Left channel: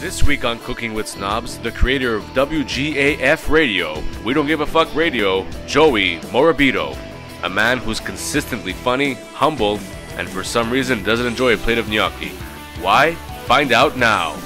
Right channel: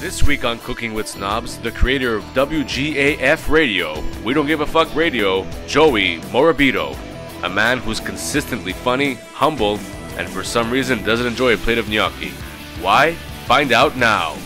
This week on Cooking with Snobs, the creator of WGAF Radio, We Don't Give a Fuck Radio, Joey Morabito. A man who's consistently funny, humble, and for some reason doesn't enjoy a plate of gnocchi. Why? Find out now.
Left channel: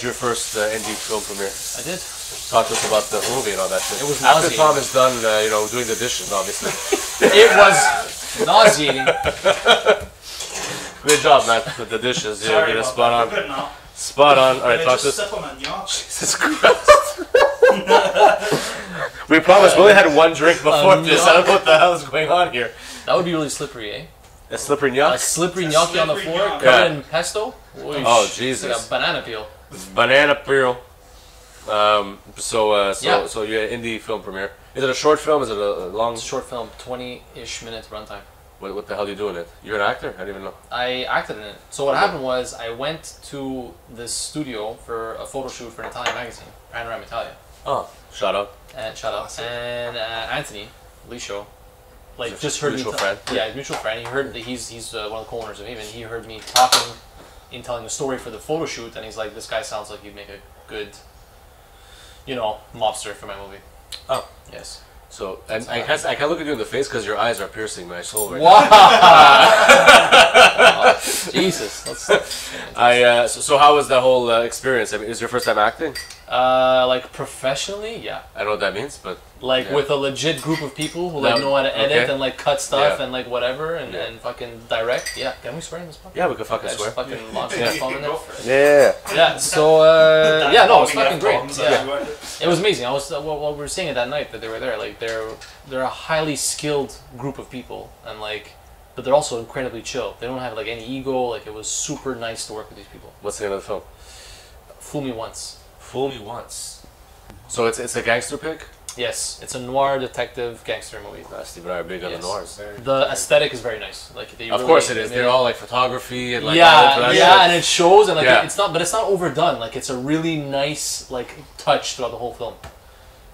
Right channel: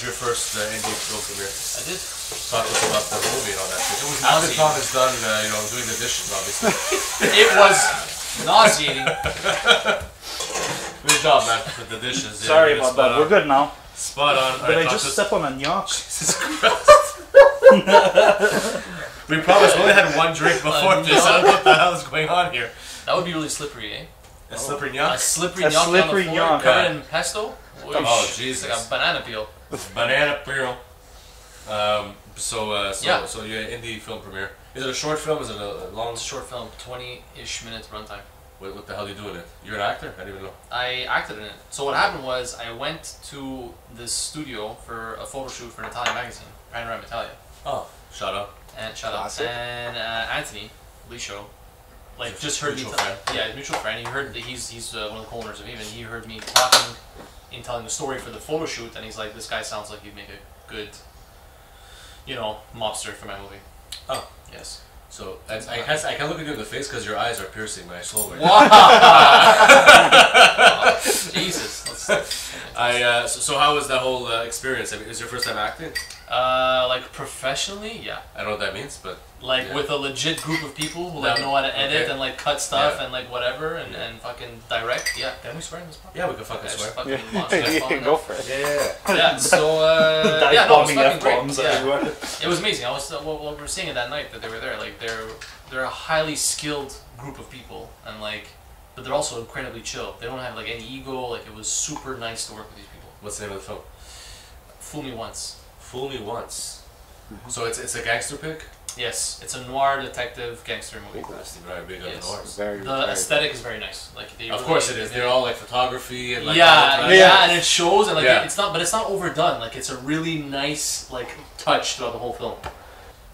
Your first indie film premiere. I did. Talk to us about the movie and all that shit. It was After nauseating. Tom is done, doing the dishes, obviously. It was nauseating. Good job, man, with the dishes. Sorry about that. We're good now. Spot on. Can I just step on a gnocchi? Jesus Christ. We promised we only had one drink before this. I don't know what the hell is going on here. That would be really slippery, eh? A slippery gnocchi? A slippery gnocchi on the slippery floor, gnocchi. covered in pesto. Oh, Jesus. It's like a banana peel. Banana peel. So Yeah. you're an indie film premiere. Is it a short film? Is it a long? It's a short film, 20-ish minutes runtime. What the hell are you doing it? You're an actor? I didn't even know. I acted in it. So what happened was I went to this studio for a photo shoot for an Italian magazine, Panorama Italia. Oh, shout out. And shout out. Awesome. And Anthony Lisho, like He's a just heard me. mutual friend. Yeah, mutual friend. He heard that he's one of the co-owners of Even. He heard me talking in telling the story for the photo shoot, and he's like, "This guy sounds like he'd make a good, mobster for my movie." Oh, yes. so and I can't look at you in the face because your eyes are piercing my soul right Wow. Jesus. So how was that whole experience? I mean, is your first time acting? Like professionally, yeah. I don't know what that means, but Like yeah. with a legit group of people who like No. know how to edit Okay. and like cut stuff Yeah. and like whatever and fucking direct. Yeah. Can we swear in this podcast? yeah, we can fucking Yeah, just swear. fucking launch that phone in Go there. for it. Yeah. Yeah, so yeah, no, it was fucking great. F-bombs Yeah. everywhere. It was amazing. I was what we were seeing it that night that they were there. Like they're a highly skilled group of people, and but they're also incredibly chill. They don't have like any ego. Like it was super nice to work with these people. What's the name of the film? Fool Me Once. Fool Me Once. So it's a gangster pick? Yes, it's a noir detective gangster movie. Steve and I are big on the Yes. noirs. The aesthetic is very nice. Like they Of really course it is. made They're all like photography and like yeah, and it shows and like Yeah. it's not overdone. Like it's a really nice like touch throughout the whole film.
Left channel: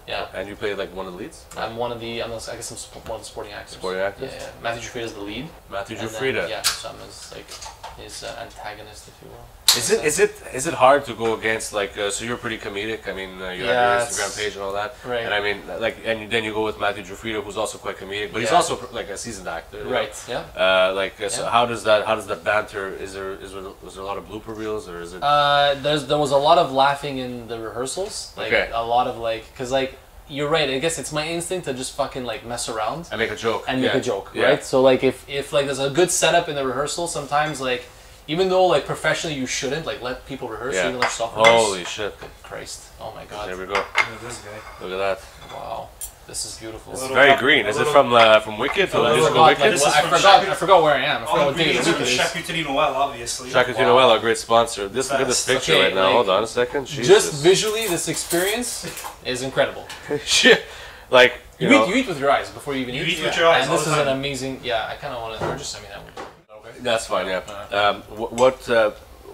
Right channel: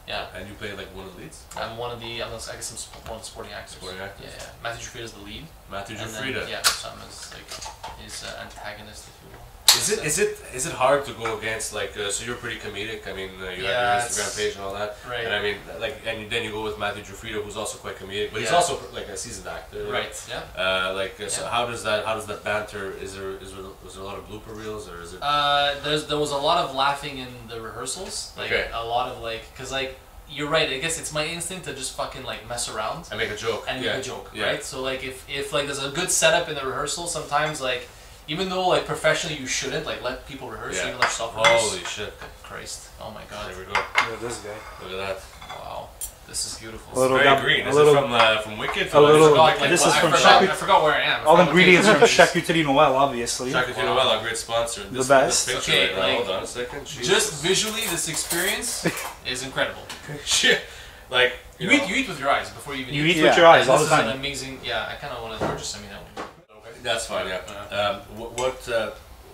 Yeah. And you play like one of the leads? I guess I'm one of the supporting actors. Supporting actors? Yeah. Matthew Frida is the lead. Matthew And then, Frida. yeah, so I'm his antagonist, if you will. Is it hard to go against so you're pretty comedic? I mean you have your Instagram page and all that. Right. And I mean and then you go with Matthew Frida, who's also quite comedic, but he's Yeah. also like a seasoned actor. you know? Right. Yeah. So Yeah. how does that banter? Was there a lot of blooper reels or is it? There was a lot of laughing in the rehearsals. Like Okay. a lot of because you're right. I guess it's my instinct to just fucking mess around I make a joke. and yeah. make a joke, Yeah. right? So if there's a good setup in the rehearsal, sometimes even though professionally you shouldn't let people rehearse, Yeah. even let yourself rehearse. Holy shit! Christ! Oh my God! There we go. Look at this guy. Look at that. Wow, this is beautiful. It's very green. Is it from Wicked? a little- I from forgot where I am. All ingredients are the charcuterie Noël, obviously. Charcuterie Noël, our great sponsor. This is best. the picture Okay, right now. Hold on a second. Just Jesus. visually, this experience is incredible. Shit. You know, You eat with your eyes before you even You eat. eat with your eyes And all this the is an time. amazing. Yeah, I kind of want to just send me that one. Okay. That's fine. Yeah. What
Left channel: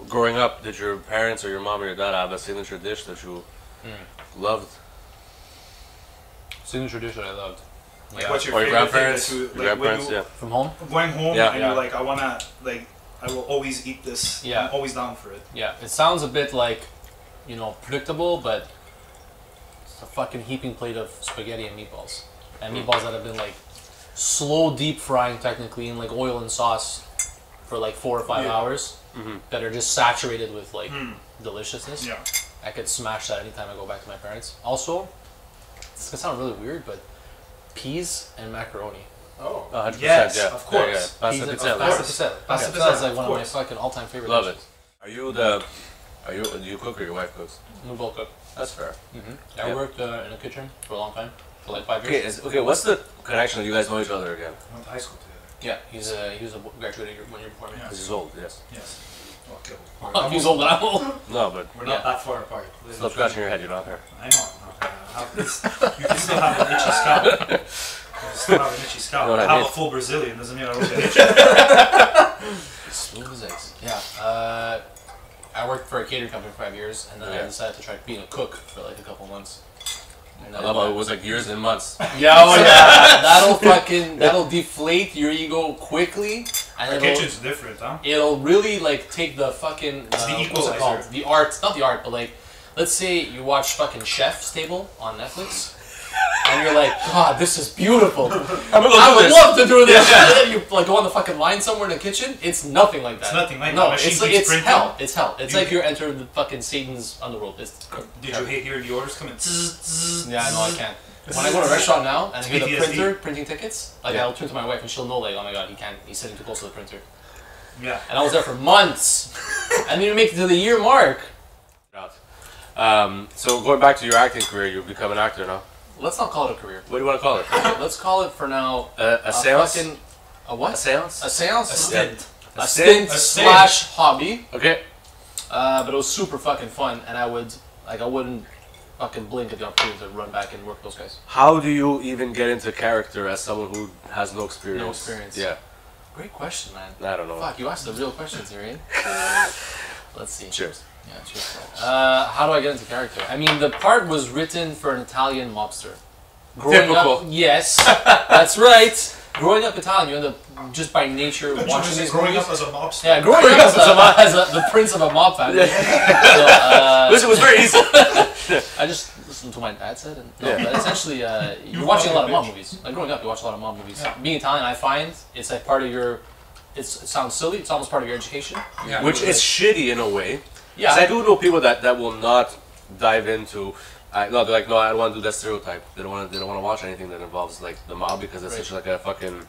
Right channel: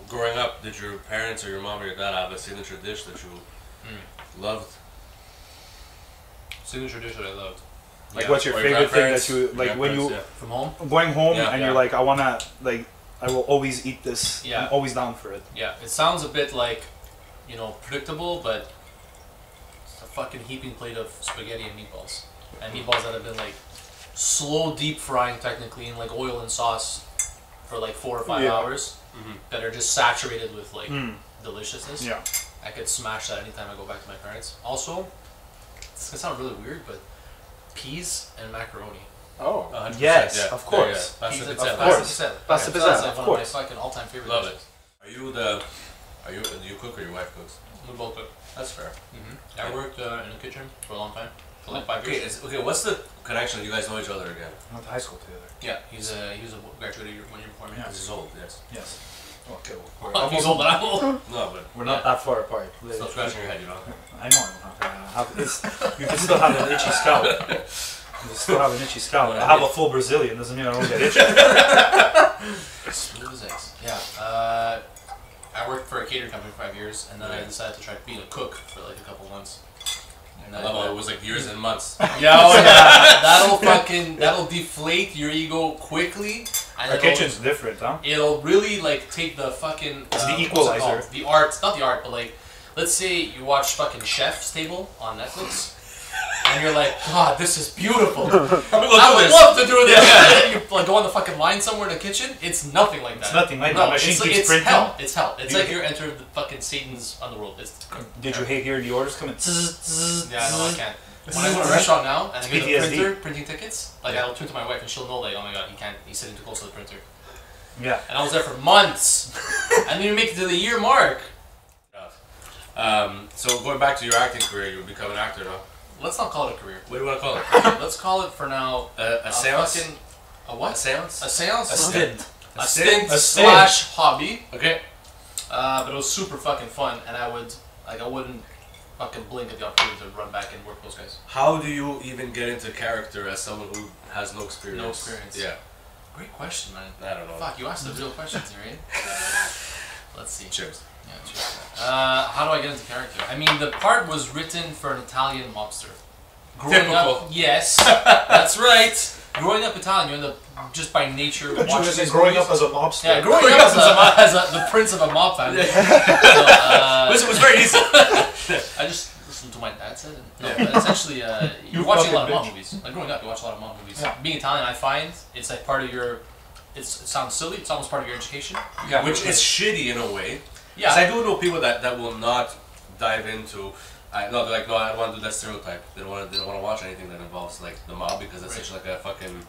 growing up did your parents or your mom or your dad have a signature dish that you loved? Signature dish that I loved. Like, Yeah. what's your Or favorite thing grandparents? that you Your like when grandparents, you yeah. From home? going home Yeah. and Yeah. you're like, I wanna I will always eat this. Yeah. I'm always down for it. Yeah. It sounds a bit predictable, but it's a fucking heaping plate of spaghetti and meatballs. And meatballs that have been slow deep frying technically in oil and sauce for 4 or 5 Yeah. hours that are just saturated with deliciousness. Yeah. I could smash that anytime I go back to my parents. Also, it's gonna sound really weird, but peas and macaroni. Oh, 100%. Yes, yeah. of course. Yeah, yeah. Pasta Peas and- pizzelle. Pasta pizzelle. Pasta Yeah, pizzelle is of one of my course. fucking all-time favorite Love dishes. it. Do you cook or your wife cooks? We both cook. That's fair. I Yeah. worked in the kitchen for a long time. for like 5 Okay, years. okay. What's the connection? You guys know each other again? We went to high school together. Yeah, he was a graduated 1 year before me. Yeah. He's old, yes. Yes. Okay. Oh, he's old, but I'm old. No, but We're not that far apart. still scratching your head, you know. I know. You can still have an itchy scalp. You can still have an itchy scalp. No, I I have mean- a full Brazilian doesn't mean I don't get itchy. Smooth as eggs. Yeah. I worked for a catering company for 5 years, and then I decided to try being a cook for like a couple months. And I love how it was like years and months. Yeah, oh yeah. That'll deflate your ego quickly. And Our kitchen's different, huh? It'll really like take the fucking It's the what's it equalizer. called? The art, not the art, but like, let's say you watch fucking Chef's Table on Netflix, and you're like, God, this is beautiful. I would love to do this. And then you like go on the fucking line somewhere in the kitchen. It's nothing like that. It's nothing like no, that. Machine it's like, keeps it's printing. hell. It's hell. It's Do you like you're entering the fucking Satan's underworld. It's Did you hear the orders coming? yeah, no, I can't. When I go to a restaurant now and I hear the PTSD. printer printing tickets, like I'll turn to my wife and she'll know like, oh my god, he can't. He's sitting too close to the printer. Yeah. And I was there for months, and then you make it to the year mark. So going back to your acting career, you become an actor now. Let's not call it a career. What do you want to call it? Let's call it for now A seance? fucking a what? A seance? A seance. A stint. A stint A stint. slash hobby. Okay. But it was super fucking fun, and I wouldn't fucking blink at the opportunity to run back and work with those guys. How do you even get into character as someone who has no experience? No experience. Yeah. Great question, man. I don't know. Fuck, you asked the real questions here, eh? Let's see. Cheers. Yeah, cheers. How do I get into character? I mean, the part was written for an Italian mobster. Typical. Up, yes, that's right. Growing up Italian, you end up just by nature But watching you these growing movies. up as a mobster. Yeah, growing up as the prince of a mob family. So, Listen, it was very easy. I just listened to my dad said, and no, Yeah. but essentially, you're watching a lot of mob movies. Like growing up, you watch a lot of mob movies. Yeah. Being Italian, I find it's like part of your. It sounds silly. It's almost part of your education. Yeah. Which is shitty in a way. Yeah. 'Cause I do know people that will not dive into. No, they're like, no, I don't want to do that stereotype. They don't want to watch anything that involves like the mob because it's Right. such like a fucking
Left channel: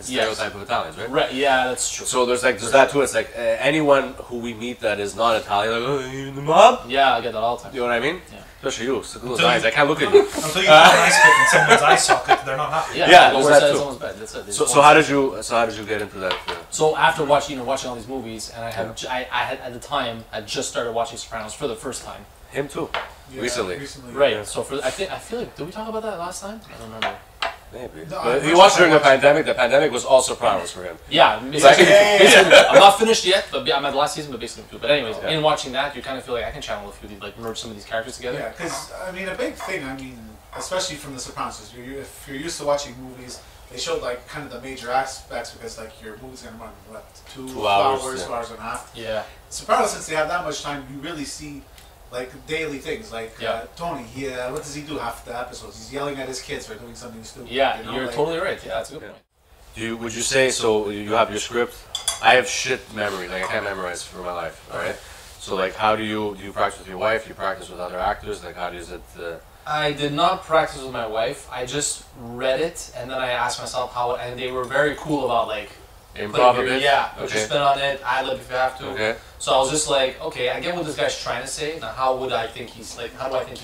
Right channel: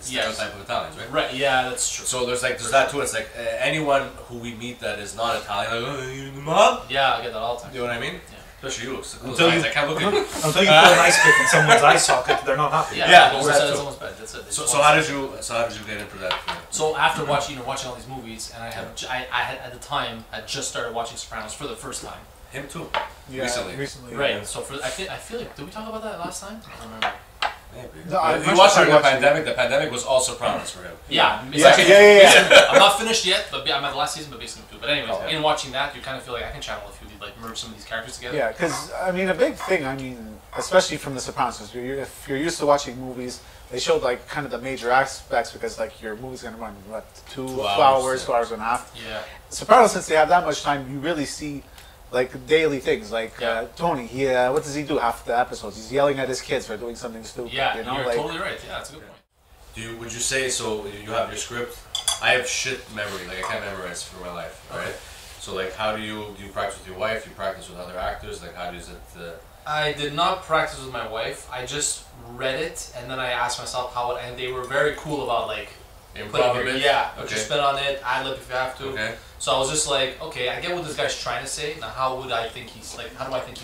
stereotype of Italians, right? Right. Yeah, that's true. So there's that too. It's like anyone who we meet that is not Italian, like, oh, you're in the mob. Yeah, I get that all the time. You know what I mean? Yeah. Especially you. So close Until eyes. you- I can't look at you. Until you put an ice pick in someone's eye socket, they're not happy. Yeah, Yeah, goes there's that inside too. someone's bed. That's it. They So just so want how to- did you get into that? So after watching all these movies, and I had at the time I just started watching Sopranos for the first time. Him too. Yeah, Recently. Right. yeah. So I feel like did we talk about that last time? I don't remember. Maybe. No, But I- he watched during the I watched- pandemic. The pandemic was all Sopranos for him. Yeah, yeah. I'm not finished yet, but I'm at the last season, but basically two. But anyways, Okay. in watching that, you kind of feel like I can channel a few, like merge some of these characters together. Yeah, because I mean, a big thing. I mean, especially from The Sopranos, is if you're used to watching movies, they showed like kind of the major aspects because like your movie's gonna run what 2 hours, hours, yeah. 2 hours and a half. Yeah. Sopranos, since they have that much time, you really see like daily things. Like Yeah. Tony, what does he do half the episodes? He's yelling at his kids for doing something stupid. Yeah, you know? you're like, totally right. Yeah, that's a good Yeah. point. Would you say so? You have your script. I have shit memory. Like I can't memorize for my life. Right. So like, how do you practice with your wife? You practice with other actors. Like, how does it? I did not practice with my wife. I just read it, and then I asked myself how it, and they were very cool about like Improv a putting- bit? Yeah, put Okay. your spin on it, ad lib if you have to. Okay. So I was just like, okay, I get what this guy's trying to say. Now, how do I think he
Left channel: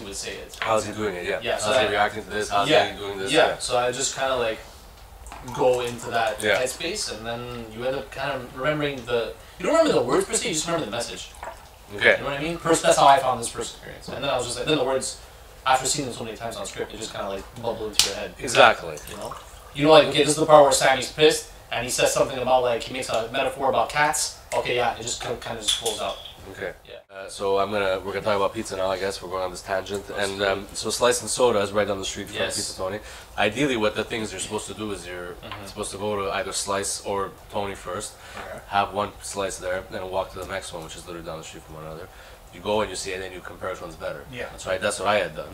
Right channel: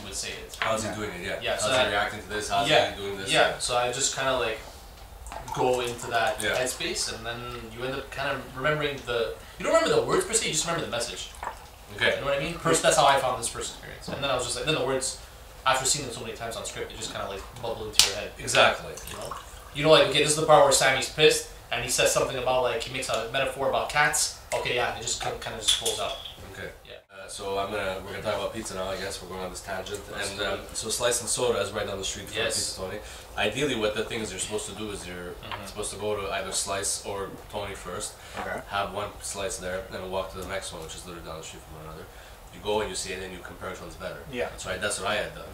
would say it? How's he doing it? Yeah. Yeah, so How's he I- reacting to this? How's Yeah, he doing this? Yeah, so I just kind of like go into that Yeah. headspace, and then you end up kind of remembering you don't remember the words per se, you just remember the message. Okay. You know what I mean? First, that's how I found this first experience, and then I was just like, then the words, after seeing them so many times on script, they just kind of like bubble into your head. Exactly. You know, like, okay, this is the part where Sammy's pissed, and he says something about like he makes a metaphor about cats. Okay, yeah, it just kind of just pulls out. Okay. Yeah. So we're gonna talk about pizza now. I guess we're going on this tangent. And so Slice and Soda is right down the street from Yes. Pizza Tony. Ideally, what the things you're supposed to do is you're supposed to go to either Slice or Tony first, Okay. have one slice there, then walk to the next one, which is literally down the street from one another. You go and you see it, and then you compare which one's better. Yeah. That's right. That's what I had done.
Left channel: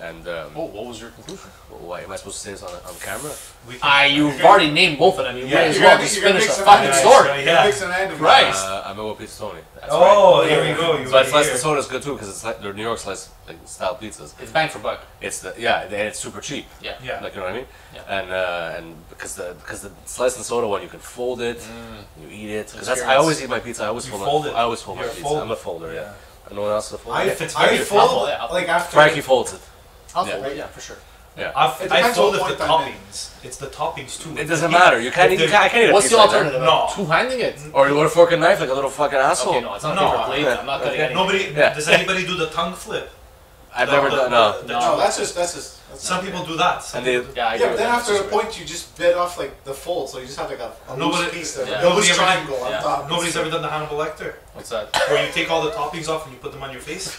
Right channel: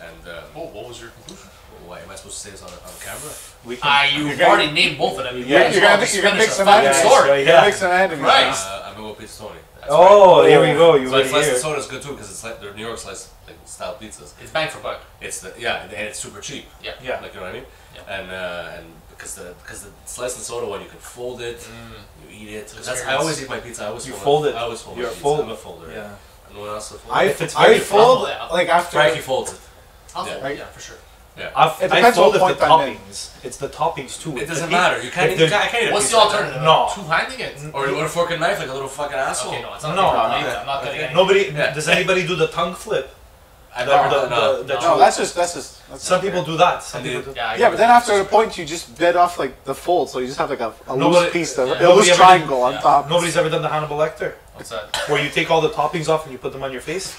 And Oh, what was your conclusion? why am I supposed to say this on camera? We can, You've already named both of them. You Yeah, might as you're well gonna- just you're gonna finish mix the them up. fucking Yeah, story. yeah. Mix and add them. Christ. I'm gonna go Pizza Tony. That's oh, right. here we go. You So ready Slice here. and Soda is good too because it's like they're New York slice style pizzas. It's bang for buck. It's and it's super cheap. Yeah. Yeah. Like, you know what I mean? Yeah. And because the slice and soda one, you can fold it, you eat it. 'Cause that's, I Experience. always eat my pizza. I always You fold fold it. I always fold You're my a pizza. folder. I'm a folder. Yeah. No one else to fold. If it's I very fold yeah. like after. Frankie folds it. I'll Yeah. fold it, yeah, for sure. Yeah. I depends told on if the point I'm in. toppings. It's the toppings too. It doesn't matter. You can't. if You they're- can't eat a What's piece the like that. alternative? No. Two-handing it? Or you want a fork and knife like a little fucking asshole. Okay, no, it's not No, a paper plate. I'm not cutting anything. Nobody. Yeah. Does anybody do the tongue flip? I never done. No. No, that's just. Some people do that. Some And they- people do- Yeah, I Yeah, agree but with then that. after a point, you just bed off like the fold, so you just have like a Nobody- loose piece, yeah. a Nobody loose ever triangle did- on yeah. top. Nobody's ever done the Hannibal Lecter, What's that? where you take all the toppings off and you put them on your face.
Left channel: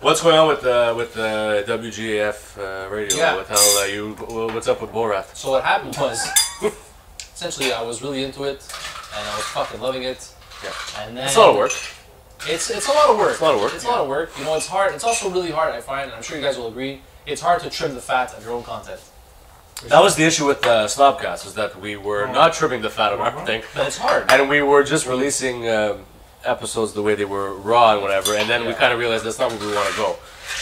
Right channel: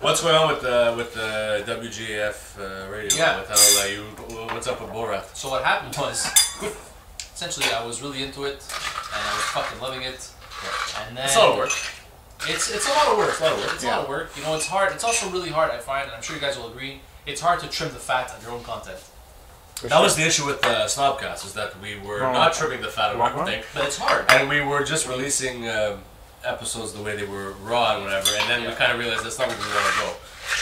What's going on with the WGAF radio? Yeah. With how what's up with Borat? So what happened was, essentially, I was really into it, and I was fucking loving it. Yeah. And then It's a lot of work. It's a lot of work. It's a lot of work. It's a lot of work. You know, it's hard. It's also really hard. I find, and I'm sure you guys will agree. It's hard to trim the fat of your own content. That was the issue with Snobcast, is that we were not trimming the fat of our thing, But it's hard. and we were just releasing episodes the way they were raw and whatever, and then we kind of realized that's not where we want to go.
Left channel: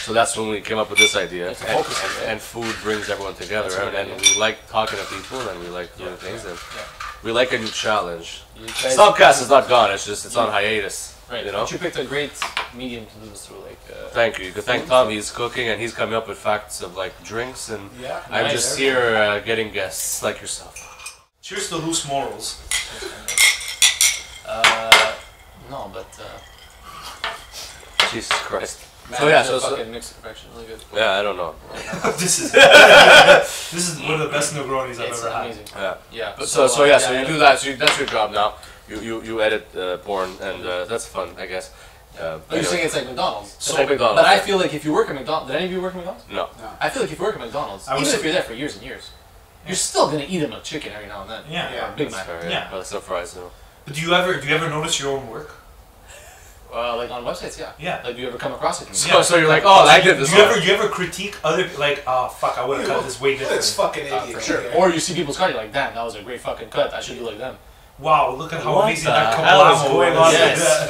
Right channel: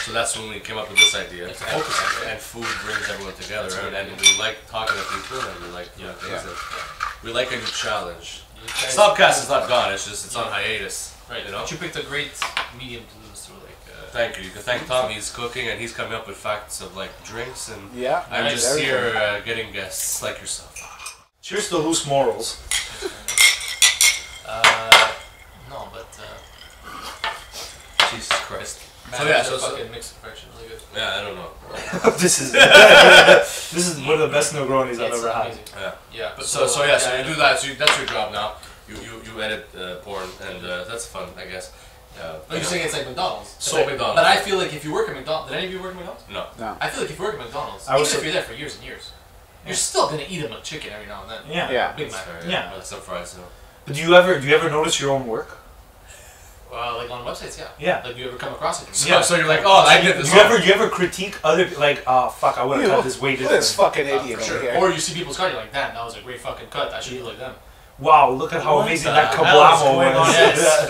So that's when we came up with this idea, It's a focus. and food brings everyone together, That's and right. we like talking to people, and we like doing things, and we like a new challenge. You guys- Snobcast is not gone; it's on hiatus. Right. You know. But you picked a great medium to do this through, like. Thank you. You can thank Tom. He's cooking, and he's coming up with facts of like drinks, and Yeah. I'm Nice. just here getting guests like yourself. Cheers to loose morals. No, but. Jesus Christ. Man, So yeah, it's a so fucking mixed perfection, really good. yeah, I don't know. this is one of the best Negronis I've It's ever had. amazing. Yeah. Yeah. But so you do that. So that's your job now. You edit porn, and that's fun, I guess. But you're saying it's like McDonald's. So Like, McDonald's. But I feel like if you work at McDonald's, did any of you work at McDonald's? No. I feel like if you work at McDonald's, I was- even if you're there for years and years, you're still gonna eat a McChicken every now and then. Yeah. Yeah. Big That's Mac. fair, Yeah. Well, some fries, so. But do you ever notice your own work? Like on websites, yeah. Yeah. Like, do you ever come across it? So, so you're like, oh, I did this. Do you ever critique other like, oh fuck, I would have cut this way Look at different. this fucking idiot For over sure. here. Or you see people's cut, you're like, damn, that was a great fucking cut. I should do like them. Wow, look at how What amazing the that hell is kablamo going is. on? Yes.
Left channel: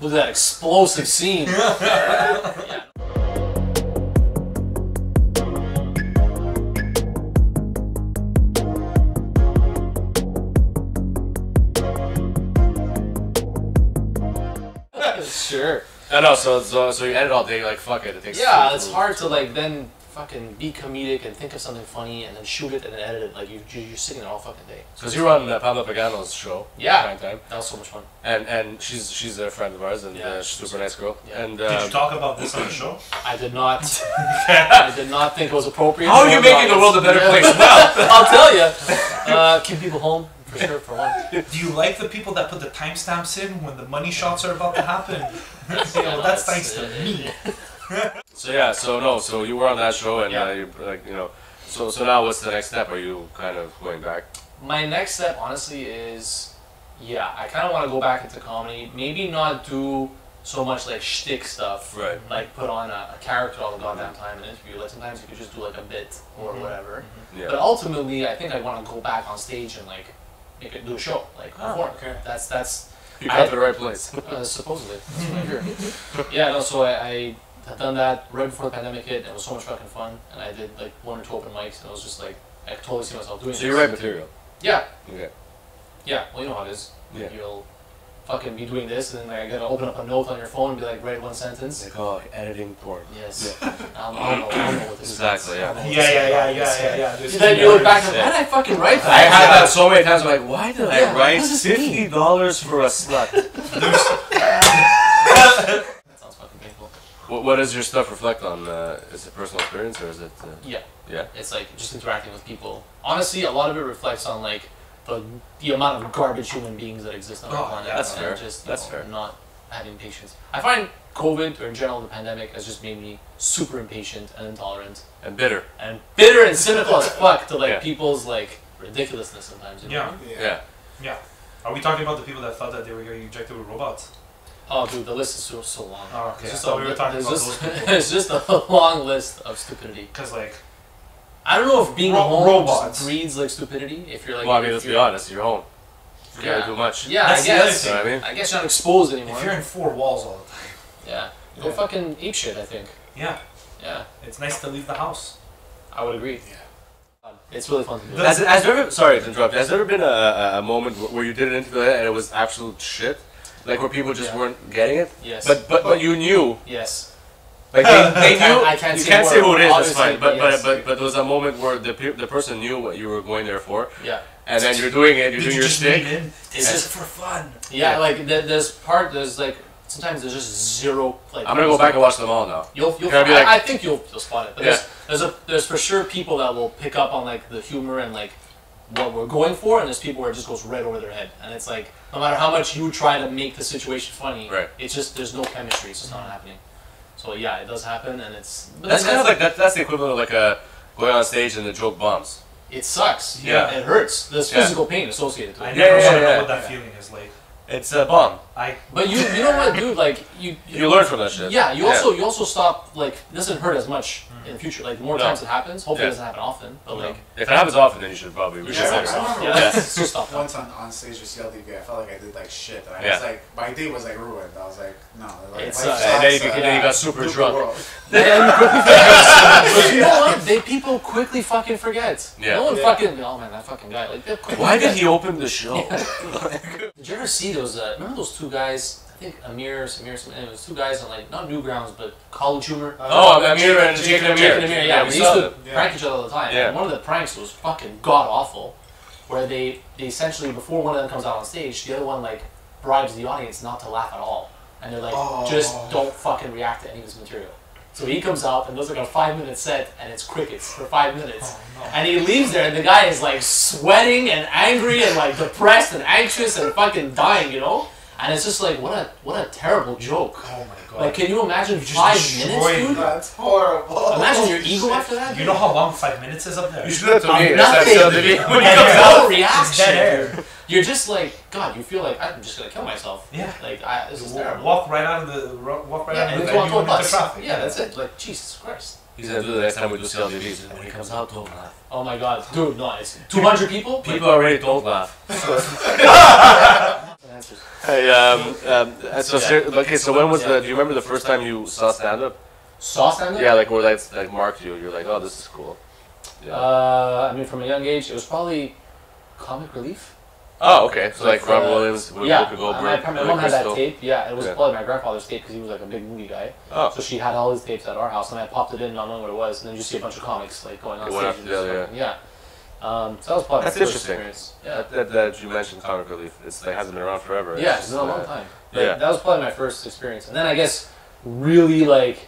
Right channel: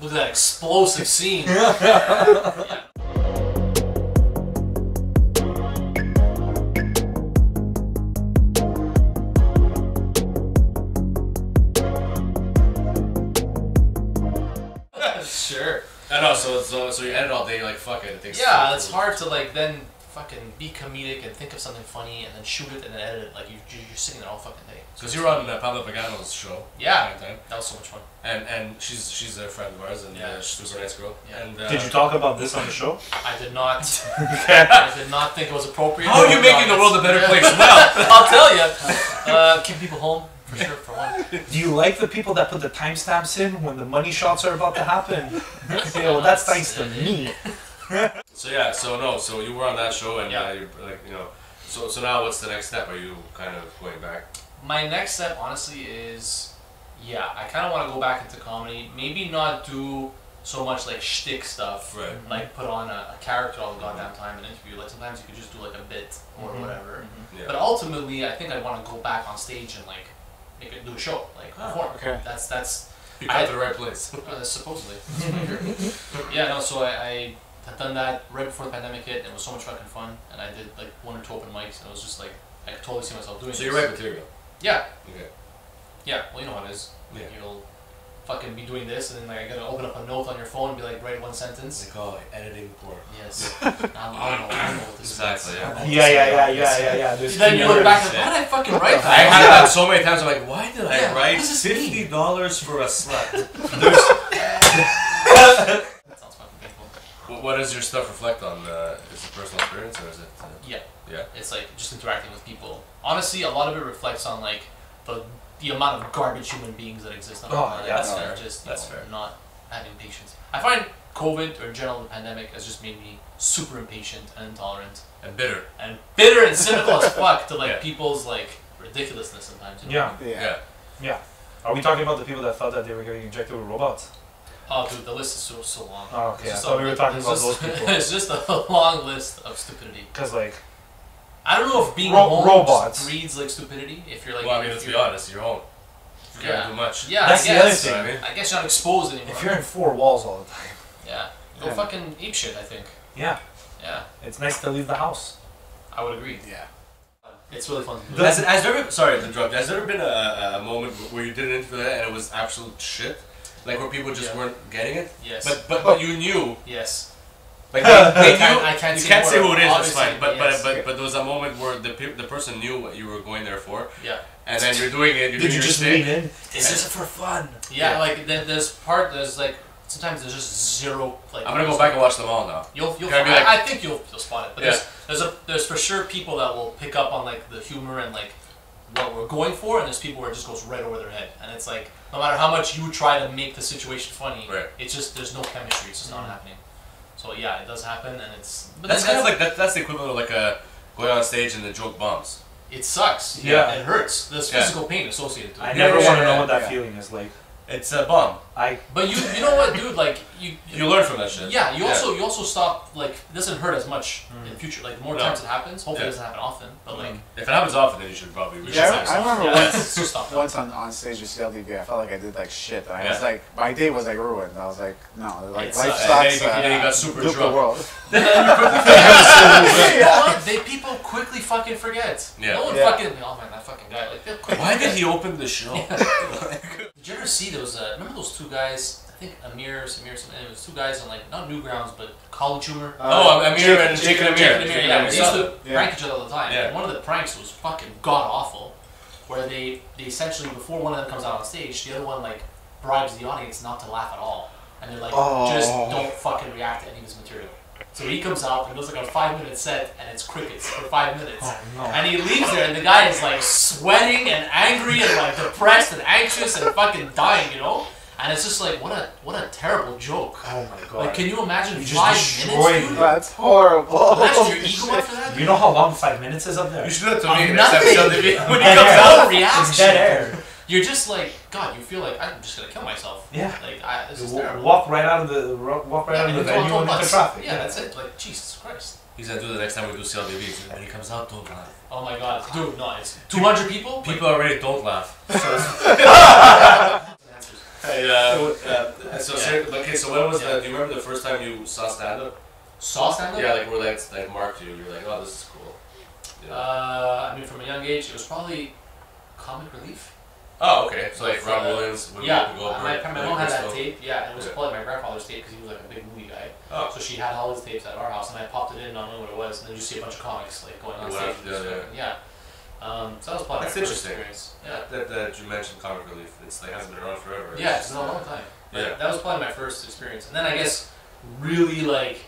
Look at that explosive scene. Yeah. Sure. I know. So you edit all day. Like fuck it. It takes. Yeah, it's hard to like then fucking be comedic and think of something funny and then shoot it and then edit it. Like you're sitting there all fucking day. Because you were on Pablo Pagano's show. Yeah. Prime time. That was so much fun. And she's a friend of ours, and Yeah, she's a super nice girl. Yeah. And Did you talk about this on the show? I did not. I did not think it was appropriate. How are you making the world a better place? Well, I'll tell you. Keep people home for sure. For one. Do you like the people that put the timestamps in when the money shots are about to happen? Yeah, well, that's thanks to me. so yeah, so you were on that show, and Yeah. you like so now what's the next step? Are you kind of going back? My next step, honestly, is I kind of want to go back into comedy. Maybe not do so much like shtick stuff, Right. like put on a character all the goddamn time in an interview. Like sometimes you could just do like a bit or whatever. Yeah. But ultimately, I think I want to go back on stage and like do a show, like perform. okay. That's You got to the right place. supposedly. That's what I hear. Yeah, no. So I had done that right before the pandemic hit, and it was so much fucking fun. And I did like 1 or 2 open mics, and it was just like I could totally see myself doing. So this. you write material. Yeah. Okay. Yeah, well, you know how it is. Yeah. You'll fucking be doing this, and then like I gotta open up a note on your phone and be like, write one sentence. Like editing porn. Yes. I'll know what this Exactly, means. yeah. I'll know what this means. Yeah. There's Then you look back and keywords. why did I fucking write I that? had that so many times. I'm like, why did I Yeah, write what does this mean? $50 for a slut? That sounds fucking painful. What does your stuff reflect on? Is it personal experience or is it? Yeah. Yeah. It's like just interacting with people. Honestly, a lot of it reflects on like the amount of garbage human beings that exist on the Oh, planet. yeah, that's and fair. just That's fair. fair. Not having patience. I find COVID or in general the pandemic has just made me super impatient and intolerant And bitter. and bitter and cynical as fuck to like Yeah. people's like ridiculousness sometimes. You know? Yeah. Yeah. Are we talking about the people that thought that they were getting injected with robots? Oh, dude, the list is so long. Oh, okay. I It's thought we were talking it's about just, those people. It's just a long list of stupidity. Because like, I don't know if being Ro- home robots. just breeds like stupidity. If you're like, Well, I mean, if let's be you're- honest. You're home. You can't Yeah. do much. Yeah, That's I the other guess. thing. You know what I mean? I guess you're not exposed anymore. if you're in 4 walls all the time, Yeah. Go fucking ape shit, I think. yeah, Yeah, it's nice to leave the house. I would agree. Yeah. It's really fun to do. Has there ever? Sorry to interrupt. Has there ever been a moment where you did an interview like that and it was absolute shit? Like where people just Yeah. weren't getting it? Yes. But you knew. Yes. Like they knew. I can't you say can't more, say who it is. That's obviously, fine. But yes. but there was a moment where the person knew what you were going there for. Yeah. And then you're doing it. You're Did doing you your just stick. lean in? Is this for fun? Yeah, like there's like sometimes there's just zero. Like I'm gonna go back and watch them all now. You'll Can I be like- I think you'll spot it. But Yeah. there's for sure people that will pick up on like the humor and like what we're going for, and there's people where it just goes right over their head, and it's like no matter how much you try to make the situation funny, Right. it's just there's no chemistry. It's just not happening. So yeah, it does happen, and it's. But That's then kind of like that's the equivalent of like going on stage and the joke bombs. It sucks. Yeah. It hurts. There's Yeah. physical pain associated to it. I never yeah, want to yeah, know what that yeah. feeling is like. It's a bomb. But you know what, dude? Like You learn from that shit. Yeah, you also stop like it doesn't hurt as much in the future. Like the more times it happens, hopefully it doesn't happen often. But like If it happens often, then you should probably. you reach should Yeah, out. stop I yourself. remember Yeah, it's just stop. once on stage with CLDB, I felt like I did like shit. I Yeah. was like, my day was like ruined. I was like, no, like It life sucks. sucks. And then you got super look the drunk. world. But you know what? People quickly fucking forget. Yeah. No one Yeah. fucking. Oh man, that fucking guy. Like, they'll quickly Why did forget. he open the show? Did you ever see there was remember those two guys? I think Amir, Samir, it was two guys on like not Newgrounds but college humor. Oh, Amir and Jake and Amir. Jake and Amir, yeah, we they used saw to them. prank each other all the time. Yeah. And one of the pranks was fucking god awful, where they essentially before one of them comes out on stage, the other one like bribes the audience not to laugh at all, and they're like, just don't fucking react to any of his material. So he comes out and does like a 5-minute set, and it's crickets for 5 minutes, and he leaves there, and the guy is like sweating and angry and like depressed and anxious and fucking dying, you know. And it's just like, what a terrible joke. Oh my god. Like, can you imagine You just 5 destroyed minutes, dude? That's horrible. Imagine your ego after that. You know how long 5 minutes is up there? You should do that to me next Nothing. time. When he Dead comes air. out. No reaction. It's dead air. You're just like, God, you feel like I'm just gonna kill myself. Yeah. Like this is terrible. Walk right out of the out of the venue and into traffic. Yeah, that's it. Like Jesus Christ. He's gonna do the next time we do CLDBs. When he comes out, don't laugh. Oh my God, dude, no, it's 200 people. People already don't laugh. Answers. Hey, so when was the? Do you remember the first time you saw stand up? Saw stand-up? Yeah, like where that marked you. You're like, oh, this is cool. Yeah. I mean, from a young age, it was probably Comic Relief. Oh, okay. So like Ron Williams, Yeah, Whoopi Goldberg, my mom had that Crystal. tape. Yeah, it was Yeah. probably my grandfather's tape because he was like a big movie guy. Oh, So she had all his tapes at our house, and I popped it in, not knowing what it was, and then you see a bunch of comics like going on Wow, stage. And yeah, just yeah. fucking- yeah. So that was probably That's my first interesting. experience. Yeah. that you mentioned Comic Relief. It's like hasn't been around forever. Yeah, just, it's been a long time. But yeah. that was probably my first experience. And then I guess really like,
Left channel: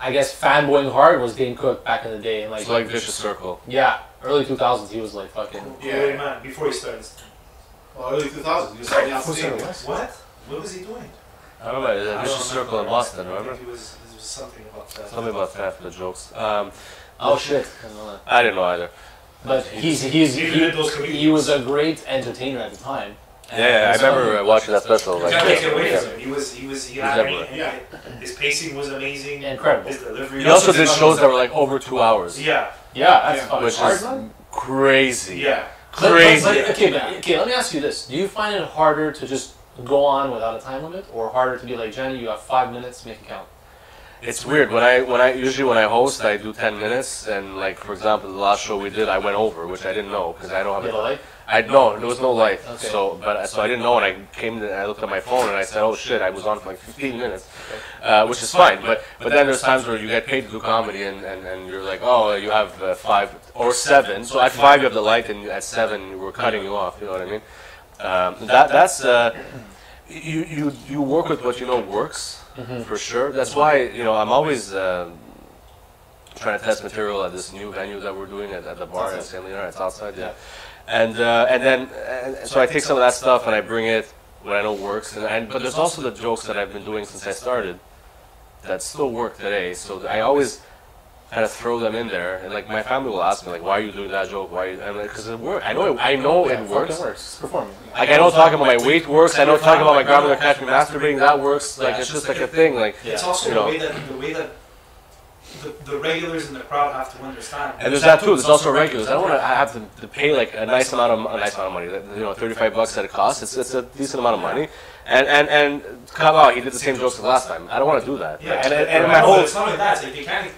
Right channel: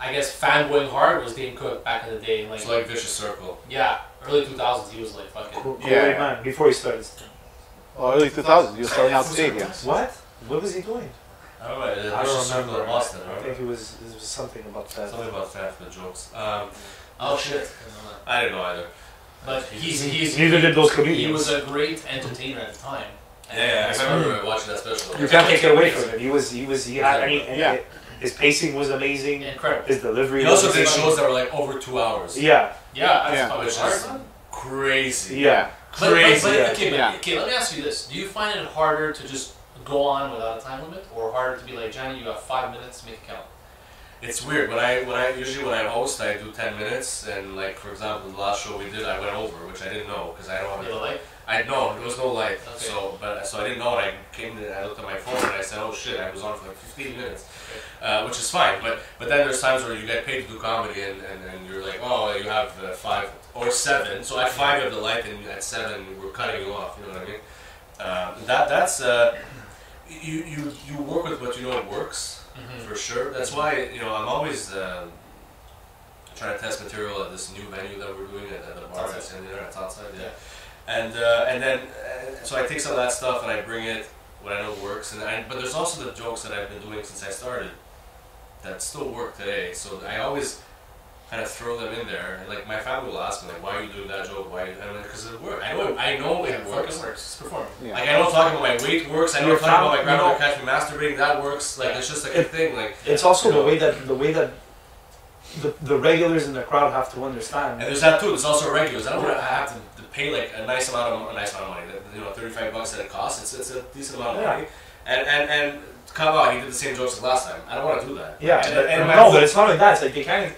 fanboying hard was Dane Cook back in the day. And It's like Vicious Circle. yeah, early 2000s he was like fucking. Yeah. man. Before he started. Well, early 2000s, you were starting out singing. What? What was he doing? I don't know. Vicious Circle in Boston, I remember? think there was something about that. Something about theft and jokes. Oh shit. I don't know. I didn't know either. But he's Neither did those comedians. he was a great entertainer at the time. And Yeah, I so- remember watching that special. You can't take it away from him. He had Exactly. any, his pacing was amazing. Incredible. His delivery. He also was did shows that were like over 2 hours. Yeah. Yeah, that's Yeah, fucking which hard, is man. crazy. Yeah. But, Crazy. okay, Yeah. okay, let me ask you this. Do you find it harder to just go on without a time limit, or harder to be like, Johnny, you have 5 minutes, make it count? It's weird when I host I do 10 minutes and like for example the last show we did I went over, which I didn't know because I don't You know, like, I know there was no light. Okay. So I didn't know, and I came in and I looked at my phone and I said, oh shit, I was on for like 15 minutes, which is fine. But then there's times where you get paid to do comedy and you're like, oh, you have 5 or 7. So at 5 you have the light, and at 7 we're cutting you off. You know what I mean? That's you work with what you know works. For sure. That's why, I'm always trying to test material at this new venue that we're doing at the bar. It's outside, yeah. And so I take some of that stuff and I bring it when I know works. But there's also the jokes that I've been doing since I started that still work today. So I always kind of throw them in there. And like my family will ask me like, why are you doing that joke? Why? Because it works. I know it works. It's performing. Like I know talking about my weight works. I know talking about my grandmother catch me masturbating, that works. Like it's just like a thing. Like It's also the way that the regulars in the crowd have to understand. and there's that too. There's also regulars. I don't want to have to pay like a nice amount of money. $35 that it costs. It's a decent amount of money. And come out, he did the same jokes the last time. I don't want to do that. Yeah, and my no, whole but it's not only that. It's like they can't.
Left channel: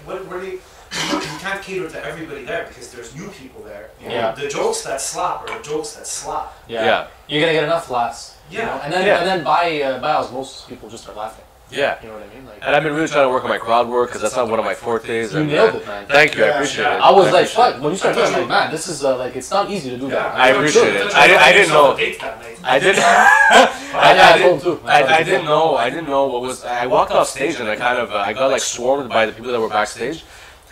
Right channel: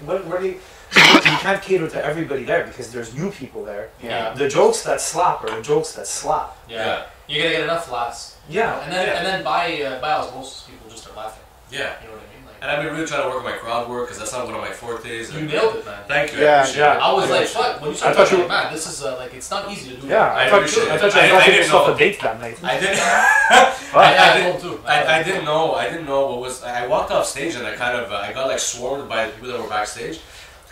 You can't cater to everybody there because there's new people there. Yeah. The jokes that slap are the jokes that slap. Yeah. You're gonna get enough laughs. Yeah. And then by osmosis, people just start laughing. Yeah. You know what I mean? Like, And I've been really trying to work my crowd work because that's not one of my fortes. you nailed it, man. Thank you. I appreciate it. I was like, fuck. When you started touching, man, this is like, it's not easy to do. Yeah, I appreciate it. I didn't know. a date that night. I didn't. I didn't know. I didn't know what was. I walked off stage and I kind of I got like swarmed by the people that were backstage,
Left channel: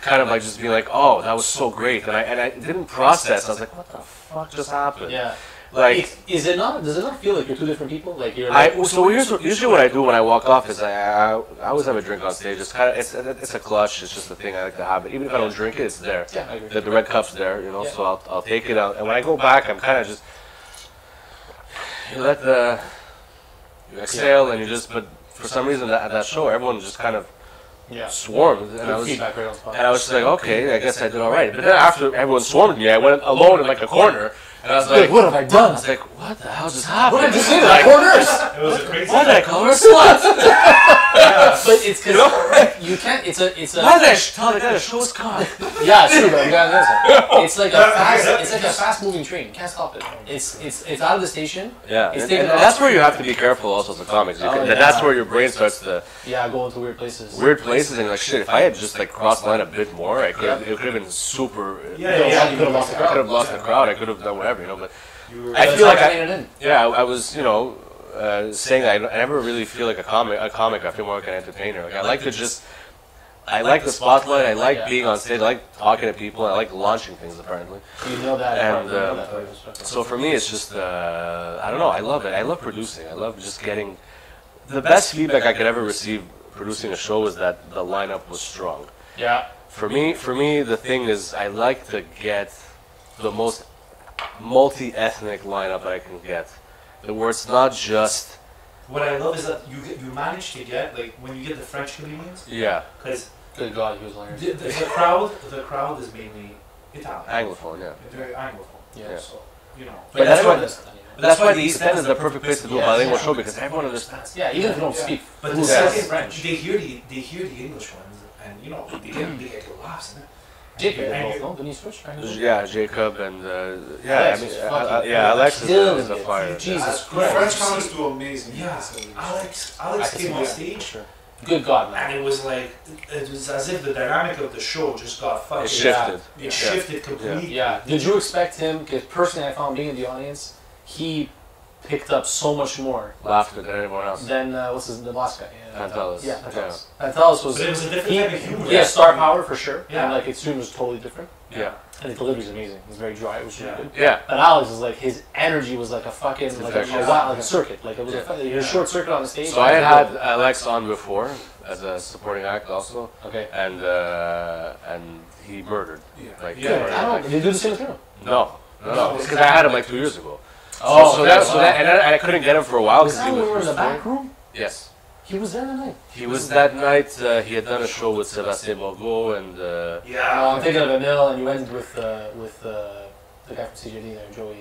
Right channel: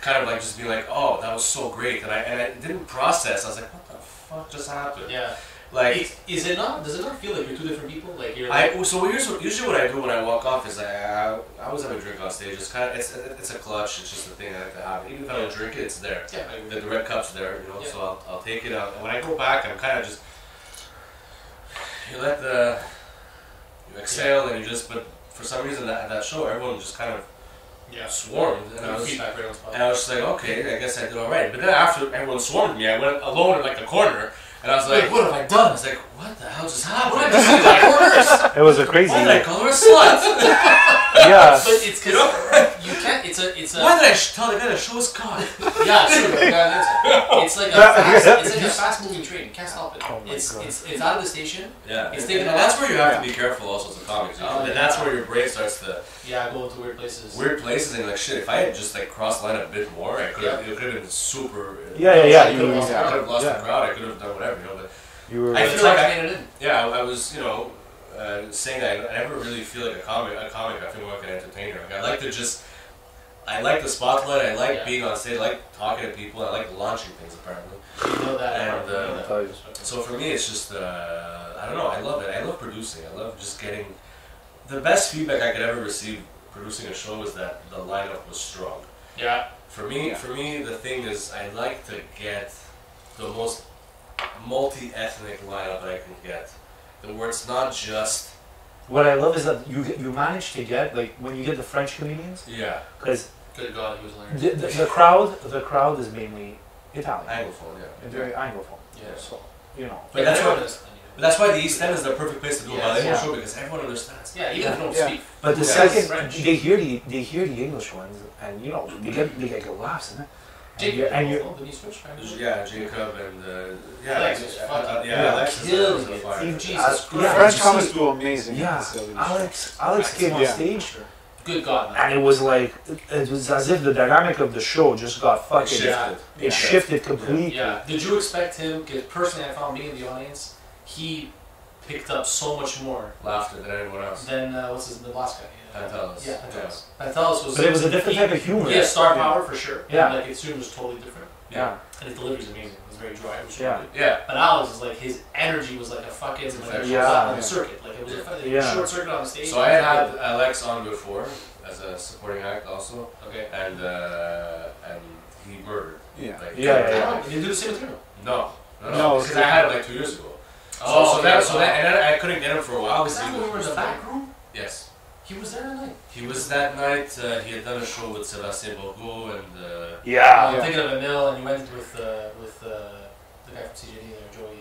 kind of like just being like, oh, that was so great, and I didn't process. I was like, what the fuck just happened? Yeah. Like, is it not? Does it not feel like you're two different people? Like you're. Usually what I do when I walk off is I always have a drink on stage. It's kind of it's a clutch. It's just a thing I like to have. Even if I don't drink it, it's there. Yeah, I agree. The red cup's there, you know. Yeah. So I'll take it out. And when I go back, I'm kind of just you exhale and you just. But for some reason at that show, everyone just kind of swarmed. And I was like, okay, I guess I did all right. But then after everyone swarmed me, I went alone in like a corner. And I was like, what have I done? I was like, what the hell just happened? What did you do that corners? It was a crazy. Why did I call her a slut? Yeah. But it's because you can't. It's a. Why did I tell the guy to show his cock? Yeah, sure. But it's like a fast moving train. You can't stop it. It's out of the station. Yeah, It's and that's where you have to be careful also as a comic. That's where your brain starts to go into weird places. weird places and like shit. If I had just like crossed line a bit more, I could have. It could have been super. You could have lost the I could crowd. have lost the crowd. I could have done whatever, you know. But I feel like I made it in. yeah, I was, you know, saying that I never really feel like a comic. I feel more like an entertainer. Like, I like to just. I like the spotlight. I like being on stage. I like talking to people. I like launching things. Apparently. You know that. And so for me, it's just I don't know. I love it. I love producing. I love just getting the best feedback I could ever receive producing a show is that the lineup was strong. Yeah. For me, the thing is I like to get the most multi-ethnic lineup I can get. Where it's not just. What I love is that you manage to get like when you get the French comedians. Yeah. Because good God, he was hilarious. the crowd is mainly Italian. Anglophone, yeah. And very Anglophone. Yeah. So you know. But that's why the East End is the perfect place to do a bilingual show because everyone understands. Yeah, even if you don't speak. But the Yes. second French. they hear the English ones and you know they get good laughs in it. Jacob, and you the East French guy. Yeah, Jacob and Alex was fucking Alex killing is a it. fire. Jesus The Christ. French comics do amazing. Yeah, Alex came on stage, Good God, man. and it was like it was as if the dynamic of the show just got fucking. It shifted. It shifted completely. Yeah. Did you expect him? Because personally, I found being in the audience, he picked up so much more Laughter than anyone else. than the last guy. Pantelis. Yeah, Pantelis. Pantelis was. But it was a different type of humor. He has star power for sure. Yeah. And like his humor was totally different. Yeah. And his delivery is amazing. It's very dry. It was really good. Yeah. But Alex is like his energy was like a fucking like a circuit. Like it was a short circuit on the stage. So I had Alex on before as a supporting act also. Okay. And he murdered. Yeah. Like, Did you do the same with him? No, because I had him like 2 years ago. Oh, so that I couldn't get him for a while. Was that when we were in the back room? Yes. He was there that night. He was that night. He had done a show with Sébastien Bourgault and. I'm thinking of Emil, and you went with the guy from CJD there, Joey.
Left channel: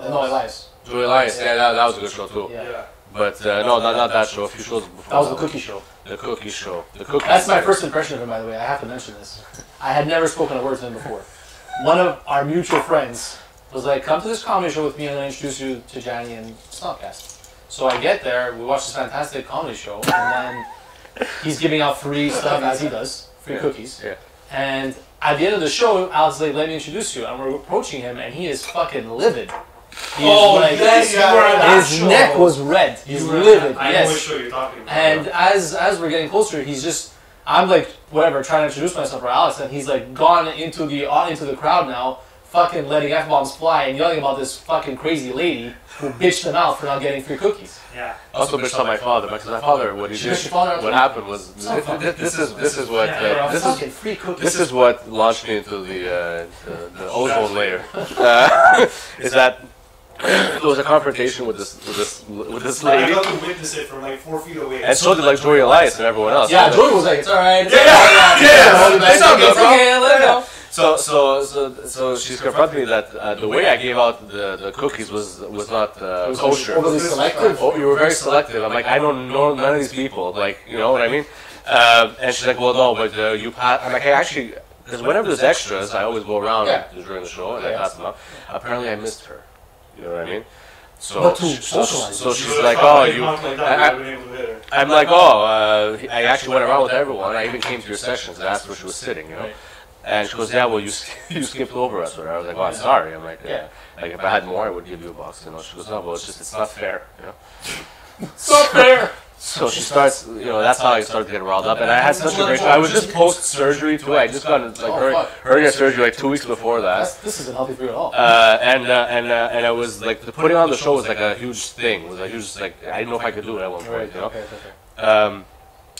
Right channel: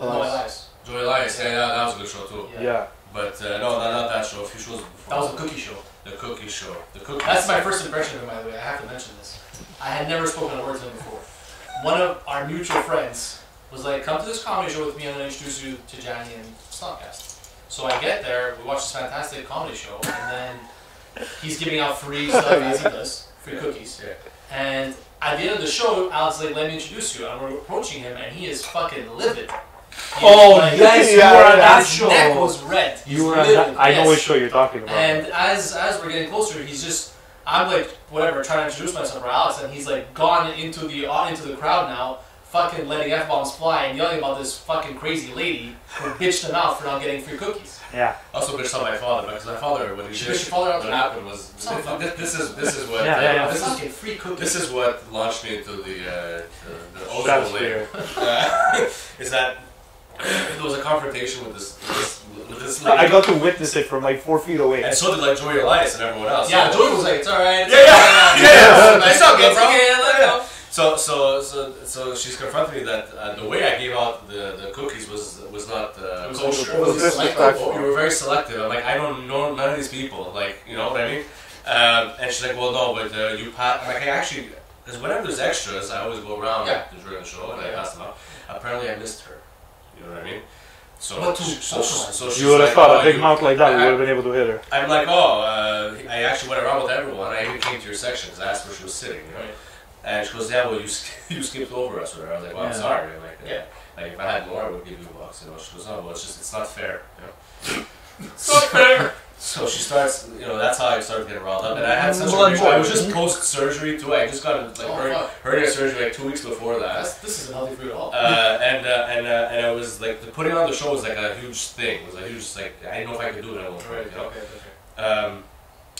No, Elias. Joey Elias. Yeah, that was a good show too. Yeah. But no, not that show. A few shows before. That was the cookie show. The cookie show. The cookie. That's my first impression of him, by the way. I have to mention this. I had never spoken a word to him before. One of our mutual friends was like, "Come to this comedy show with me, and then I introduce you to Johnny and Snobcast." So I get there, we watch this fantastic comedy show, and then he's giving out free stuff as he does, free cookies. Yeah. And at the end of the show, Alex like, "Let me introduce you." And we're approaching him, and he is fucking livid. He is like, yes, you were at that his show. neck was red. He's You were livid. I know yes. which show you're talking about. And as we're getting closer, he's just, I'm like, whatever, trying to introduce myself for Alex, and he's like gone into the crowd now, fucking letting F-bombs fly and yelling about this fucking crazy lady who bitched him out for not getting free cookies. Yeah. Also bitched on my father, because my father, what he did, Bitched your father out what too? happened was, this is what, Fucking free cookies. this is what launched me into the ozone layer. Is that there was a confrontation with this lady. I got to witness it from like 4 feet away. And so did like Joey Elias and everyone else. Yeah, Joey was like, "It's alright. It's It's all good, bro. Let it go." So she's confronted me that the way I gave out the cookies was not kosher. overly selective. Oh, you were very selective. I'm like, I don't know none of these people. Like, you know what I mean? And she's like, well, no, but you pass. I'm like, I actually, because whenever there's extras, I always go around during the show and I pass them out. Apparently, I missed her. You know what I mean? So, But to so she's You would have like, thought oh, a big you, mouth like that, you would have been able to hit her. I'm like, oh, I actually went around with everyone. I even came to your section because I asked where she was sitting, you know. Right. And she goes, yeah, well, you skipped over us. Or I was like, well, I'm sorry. I'm like, yeah. Like, if I had more, I would give you a box. You know, she goes, no, well, it's not fair. You know, it's not fair. So she starts, you know, that's how I started getting riled up. And I had such a great, I was just post-surgery too. I just got like hernia surgery like 2 weeks before that. This isn't healthy for you at all. And I was like, putting on the show was like a huge thing. It was a huge, like, I didn't know if I could do it at one point, you know.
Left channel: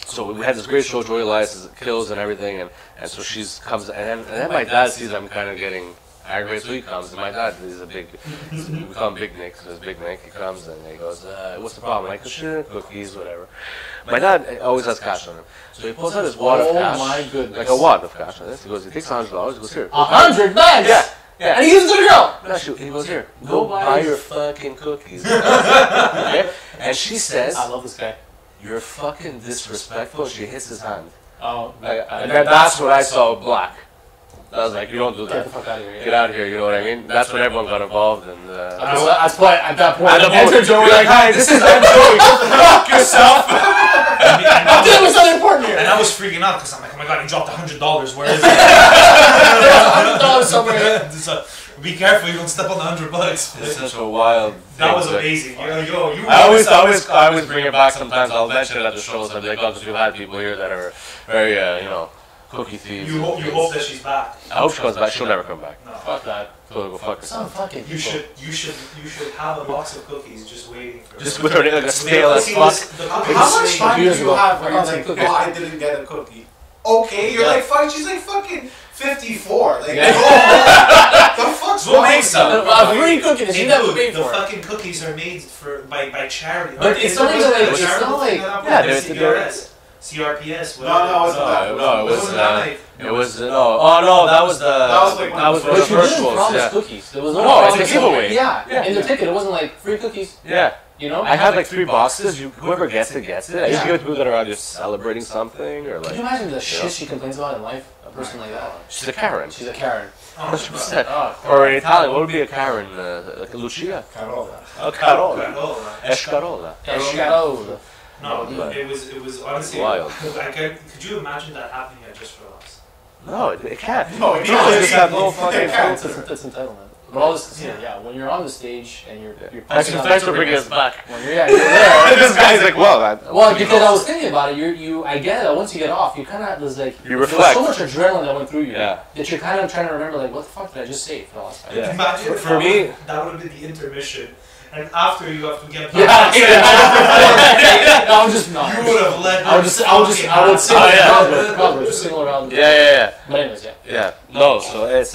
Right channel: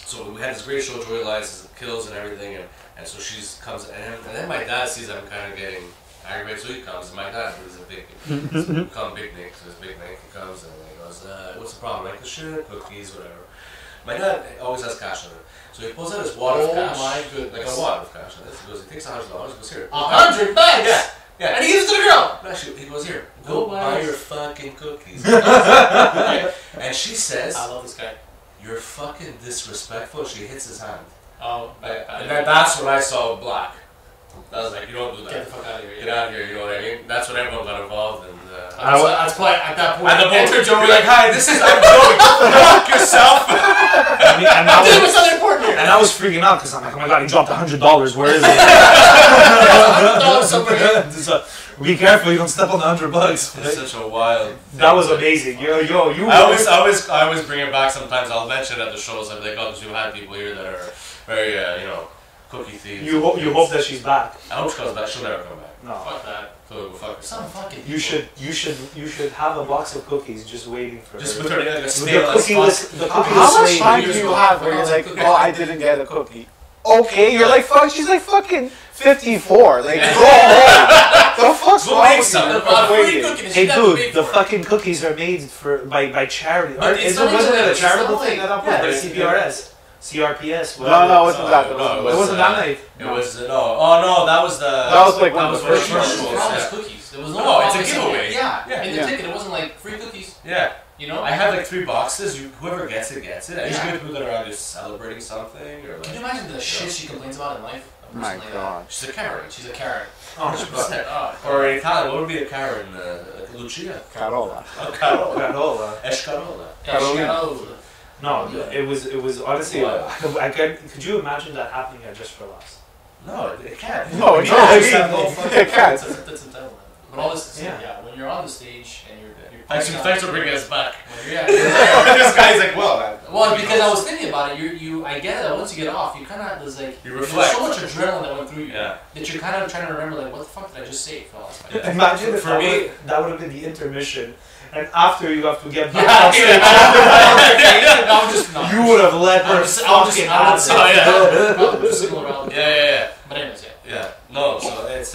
So we had this great show, Joy Elias kills and everything, and so she comes, and then my dad sees I'm kind of getting aggravated, so he comes, and my dad is a big, we call him Big Nick, so it's Big Nick, he comes and he goes, what's the problem? I'm like, shit, cookies, whatever. My dad always has cash on him, so he pulls out his wad of cash. Oh my goodness. Like a wad of cash. He goes, he takes $100, he goes, here. 100 bucks? Yeah. Yeah. And he gives it to the girl. Actually, he goes, here, go buy your fucking cookies. Okay? And she says, I love this guy. you're fucking disrespectful. She hits his hand. Oh, And then that's when I saw black. I was like, you don't do that. Get the fuck out of here. Get out of here, you know what I mean? That's when everyone got involved. And That's why at that point, and the enter Joey like, hi, this is I'm Joey. Fuck yourself. I'm doing something important here. And I was freaking out because I'm like, oh my god, he dropped $100. Where is it? $100 somewhere. So, be careful, you don't step on the $100. It's such a wild thing. That was amazing. You. I always bring it back sometimes. I'll mention it at the shows. I'm like, oh, because we've had people here that are very, you know, cookie thieves. You hope that she's back. I hope she comes back. She'll never come back. No. Fuck that. So go fuck Some herself. fucking You should have a box of cookies just waiting for her. Just put her in like a The stale as cookie fuck. list- the cookie How list much made time do years you ago. have where you're like, oh, I didn't get a cookie? Okay, you're like, fuck, she's like fucking 54. Like, the fuck's We'll wrong make with some. you? free cooking and Hey she never dude, paid the for it. fucking cookies are made by charity. But it's not wasn't even it a like- charitable it's not thing like- at that yeah, point? there's CRPS, No, whatever. it wasn't that. No, It wasn't that night. It was oh no, that was the That was for the But she didn't commercials. promise Yeah. cookies. There was no No, it's a promise. giveaway. Yeah. Yeah, In the yeah. ticket, it wasn't like free cookies. Yeah. You know? I had like 3 boxes. Whoever gets it gets it. I just Yeah. give it to people that are just celebrating something or Can like. you imagine the shit she complains about in life? A person like that. She's a Karen. She's a Karen. Oh, 100%. Oh, Or in Italian, what would be a Karen? Lucia. Carola. Oh, Carola. Carola. Escarola. Escarola. No, Yeah. it was honestly. Wild. Could you imagine that happening at Just for Laughs? No, it can't. No, it it can't. can't. It's not no fucking That's entitlement. But all this to say, Yeah. yeah, when you're on the stage and you're Thanks for bringing us back. when you're there. This guy's like, well, that. Well, because I was thinking about it, I get it. That once you get off, you kind of there's like You there's reflect. so much adrenaline that went through you Yeah. that you're kind of trying to remember like what the fuck did I just say for the last 5 minutes? Yeah. Imagine if For me- that would have been the intermission, and after you have to get Yeah, back. I would just not. You would have let. I would sing Oh, yeah. probably just sing around. Yeah. But anyways, yeah. Yeah. No, so it's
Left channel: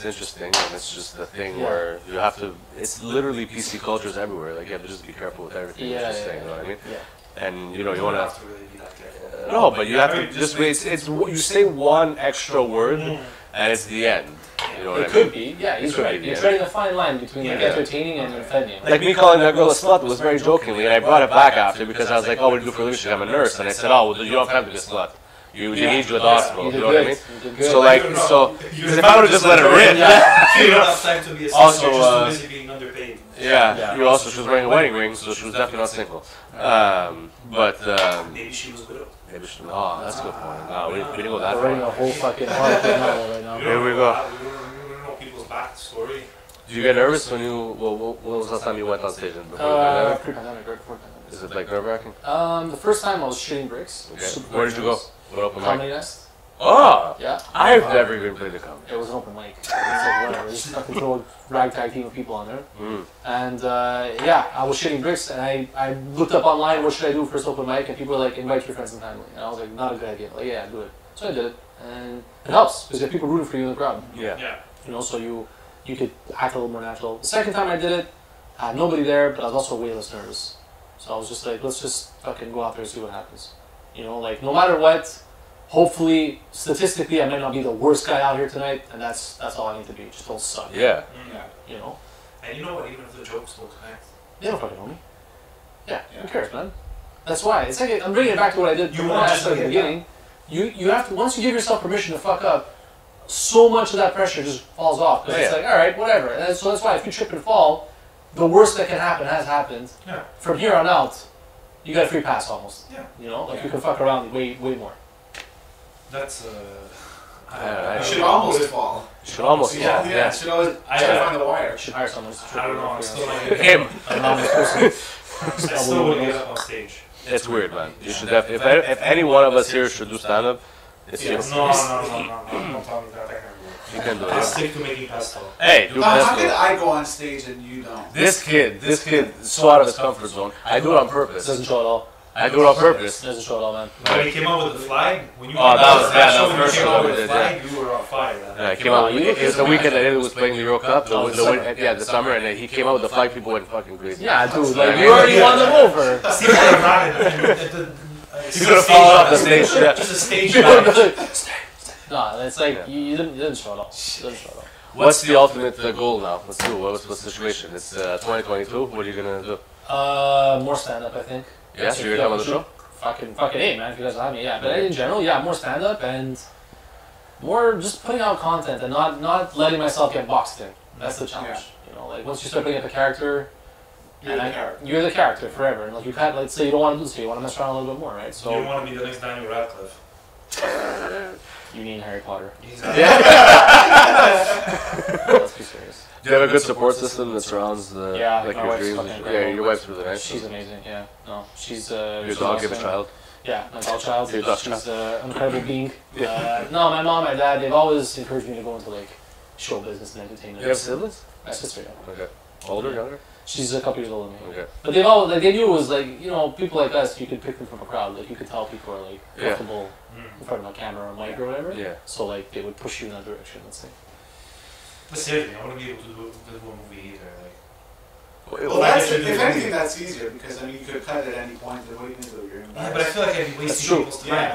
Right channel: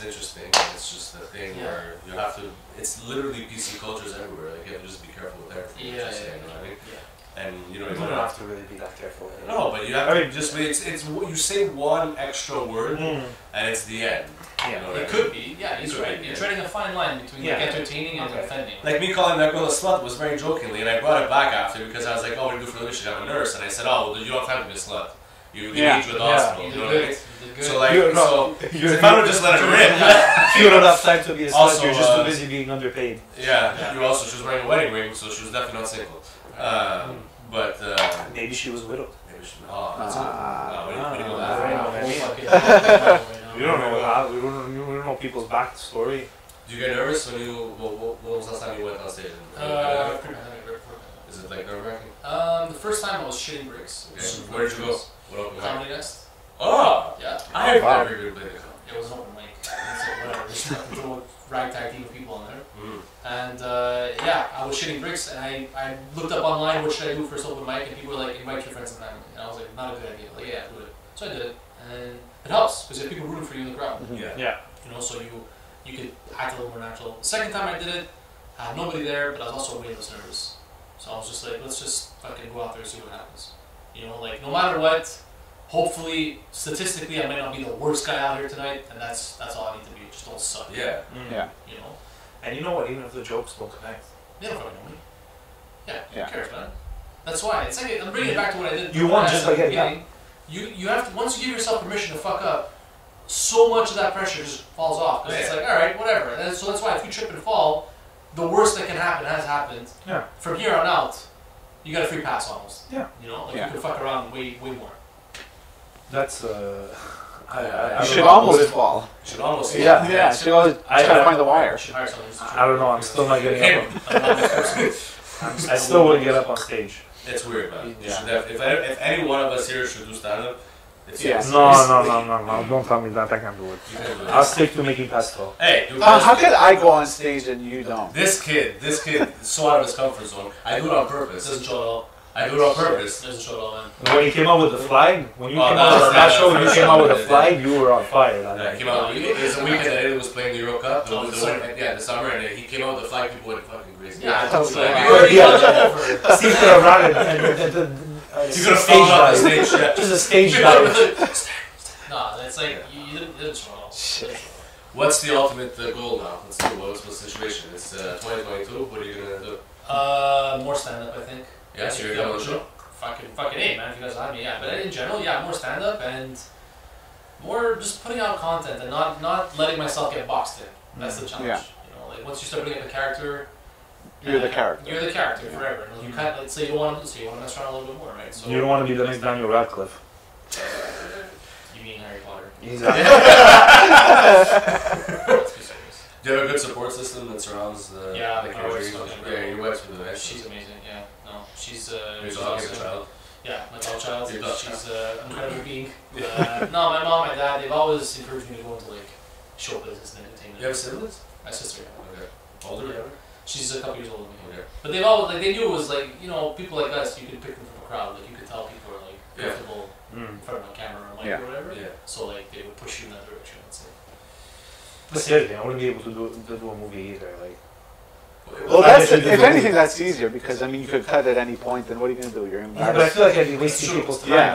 interesting. And it's just a thing Yeah. where you have to. It's literally PC cultures everywhere. Like you have to just be careful with everything. Yeah, that you yeah, say, you know what I mean? yeah. And you You know, you don't don't have to really be that careful. No, but you have to just. It's you say one extra word, Mm. and it's the end. You know what It I could mean? be. Yeah, he's Could right. be, You're yeah. treading a fine line between like Yeah. entertaining and offending. Like me calling that girl a slut was very jokingly, and I brought it back after because I was like, "Oh, we're due for relationship. I'm a nurse," and I said, "Oh, well, you don't have to be a slut. You age with the hospital." You You did know what I good. mean? You did good. So like, You know, so you're if I would just let her in, You don't have time to be a slut. Also, You're just too busy being underpaid. yeah. You also she was wearing a wedding ring, so she was definitely not single. But Maybe she was widowed. maybe she, oh, that's good. We didn't go that We're far. running a whole fucking novel right now. We don't know people's backstory. Do you get nervous when when was the last time you went on stage? Pre-pandemic, right before pandemic. Is it like nerve-wracking? The first time I was shitting bricks. It was Okay. super Where did you go? nervous. What open mic? Comedy Nest. Oh, Yeah. I've never even played a comedy. It was an open mic. It's like whatever. Just fucking throw a ragtag team of people on there. Mm. And yeah, I was shitting bricks, and I looked up online what should I do for this open mic, and people were like, invite your friends and family. And I was like, not a good idea. Like, yeah, do it. So I did it, and it helps because you have people rooting for you in the crowd. Yeah. Yeah. You know, so you could act a little more natural. The second time I did it, I had nobody there, but I was also way less nervous. So I was just like, let's just fucking go out there and see what happens. You know, like no matter what, hopefully, statistically, I might not be the worst guy out here tonight, and that's all I need to be. Just don't suck. Yeah. Yeah. You know, And you know what? Even if the jokes don't connect, they don't fucking know me. Yeah. Yeah. Who cares, man? That's why it's like I'm bringing it back to what I did. You what want I just asked at the like beginning. You have to once you give yourself permission to fuck up, so much of that pressure just falls off because it's Yeah. like all right, whatever. And so that's why if you trip and fall, the worst that can happen has happened. Yeah. From here on out, you got a free pass almost. Yeah. You know, like you can fuck around way more. That's You should almost fall. You should almost. Yeah. Should always try to find the wire. You should hire someone. I don't know. I'm still not getting Him. up. I still wouldn't get up on stage. It's weird, man. You should have. If any one of us here should do stand up, it's you. No. Don't tell me that. I can't do it. I'll stick to making pesto. Hey, do How pesto. could I go on stage and you don't? This kid is so out of his comfort zone. I do it on purpose. Doesn't show at all. I do it on purpose. Doesn't show at all, man. When you came out with the flag, when you Oh, came that out was- with that yeah, show, that when you was came out with first the show, flag, you were on fire. Yeah, he came out. It was the weekend that he was playing Euro Cup. The summer, and he came out with the flag. People went fucking crazy. Yeah, I told you. Like, You already won them over. Steve could have run it. You could have fallen off the stage. Yeah. Just a stage dive. No, it's like you didn't show at all. You didn't show at all. What's the ultimate goal now? Let's do. What's the situation? It's 2022. What are you gonna do? More stand up, I think. Yeah, so you're done with the show. Fucking hey, man, if you guys have me, yeah. But in general, yeah, more stand up and more just putting out content and not letting myself get boxed in. That's the challenge. Yeah. You know, like once you start putting up a character, You're the character. You're the character forever. And like, you can't, let's say you don't want to do this, you want to mess around a little bit more, right? So You don't want to be the next Daniel Radcliffe. You mean Harry Potter? Exactly. Let's be serious. Do you have a good support system that surrounds the Yeah, like my your wife's dreams? fucking Yeah, incredible. your wife's really nice. She's amazing. Yeah, no, she's Your she's dog and awesome. child. Yeah, my dog child. Your dog She's an incredible being. No, my mom, my dad, they've always encouraged me to go into like show business and entertainment. You have siblings? My sister, yeah. Okay. Older, younger? She's a couple years older than me. Okay. But they've all like they knew it was like, you know, people like us, you could pick them from a crowd. Like you could tell people are like Yeah. comfortable in front of a camera or mic or whatever. Yeah. So like they would push you in that direction, let's say. But seriously, I wouldn't be able to do a movie either. Like, Well, that's if anything, that's easier because I mean you could cut at any point. Then what are you gonna do? You're gonna. yeah, but I feel like I'd be wasting true. people's time. Yeah.